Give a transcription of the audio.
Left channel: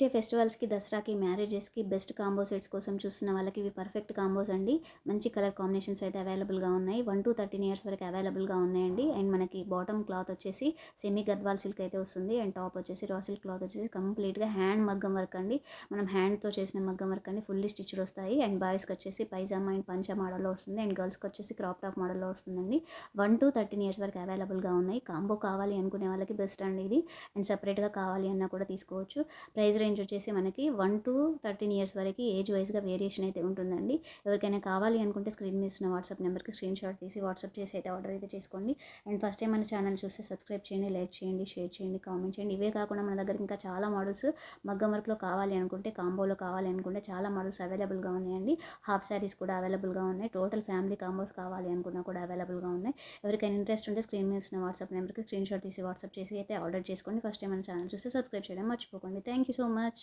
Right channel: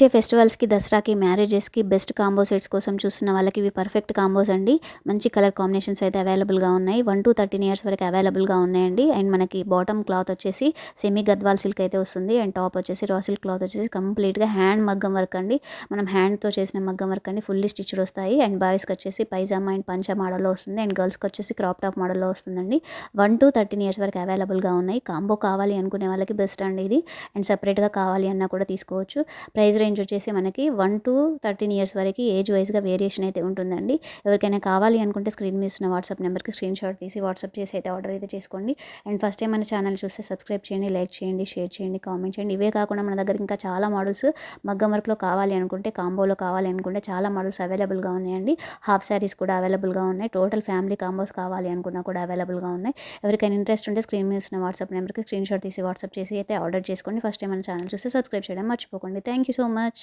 వచ్చే ఫెస్టివల్స్‌కి, దసరాకి, మ్యారేజెస్‌కి best combo sets కోసం చూస్తున్న వాళ్ళకి ఇవి పర్ఫెక్ట్ కాంబోస్ అండి. మంచి కలర్ కాంబినేషన్స్ అయితే అవైలబుల్‌గా ఉన్నాయి. 1-13 ఇయర్స్ వరకు అవైలబుల్‌గా ఉన్నాయండి. అండ్ మనకి బాటమ్ క్లాత్ వచ్చేసి సెమీ గద్వాల్ సిల్క్ అయితే వస్తుంది. అండ్ టాప్ వచ్చేసి రా సిల్క్ క్లాత్ వచ్చేసి కంప్లీట్‌గా హ్యాండ్ మగ్గం వర్క్ అండి. మనం హ్యాండ్‌తో చేసిన మగ్గం వర్క్ అండి. ఫుల్లీ స్టిచ్డ్ వస్తాయి. అండ్ బాయ్స్‌కి వచ్చేసి పైజామా అండ్ పంచ మోడల్‌లో వస్తుంది. అండ్ గర్ల్స్‌కి వచ్చేసి క్రాప్ టాప్ మోడల్‌లో వస్తుందండి. 1-13 ఇయర్స్ వరకు అవైలబుల్‌గా ఉన్నాయి. కాంబో కావాలి అనుకునే వాళ్ళకి బెస్ట్ అండి ఇది. అండ్ సెపరేట్‌గా కావాలి అన్నా కూడా తీసుకోవచ్చు. ప్రైస్ రేంజ్ వచ్చేసి మనకి 1-13 ఇయర్స్ వరకు ఏజ్ వైస్‌గా వేరియేషన్ అయితే ఉంటుందండి. ఎవరికైనా కావాలి అనుకుంటే స్క్రీన్ మీద ఇస్తున్న వాట్సాప్ నెంబర్‌కి స్క్రీన్ షాట్ తీసి వాట్సాప్ చేసి అయితే ఆర్డర్ అయితే చేసుకోండి. అండ్ ఫస్ట్ టైం మన ఛానల్ చూస్తే సబ్స్క్రైబ్ చేయండి, లైక్ చేయండి, షేర్ చేయండి, కామెంట్ చేయండి. ఇవే కాకుండా మన దగ్గర ఇంకా చాలా మోడల్స్ మగ్గం వర్క్‌లో కావాలి అనుకుంటే, కాంబోలో కావాలి అనుకుంటే చాలా మోడల్స్ అవైలబుల్‌గా ఉన్నాయండి. హాఫ్ శారీస్ కూడా అవైలబుల్‌గా ఉన్నాయి. టోటల్ ఫ్యామిలీ కాంబోస్ కావాలి అనుకున్నా కూడా అవైలబుల్‌గా ఉన్నాయి. ఎవరికైనా ఇంట్రెస్ట్ ఉంటే స్క్రీన్ మీద ఇస్తున్న వాట్సాప్ నెంబర్‌కి స్క్రీన్ షాట్ తీసి వాట్సాప్ చేసి అయితే ఆర్డర్ చేసుకోండి. ఫస్ట్ టైం మన ఛానల్ చూస్తే సబ్స్క్రైబ్ చేయడం మర్చిపోకండి. Thank you so much.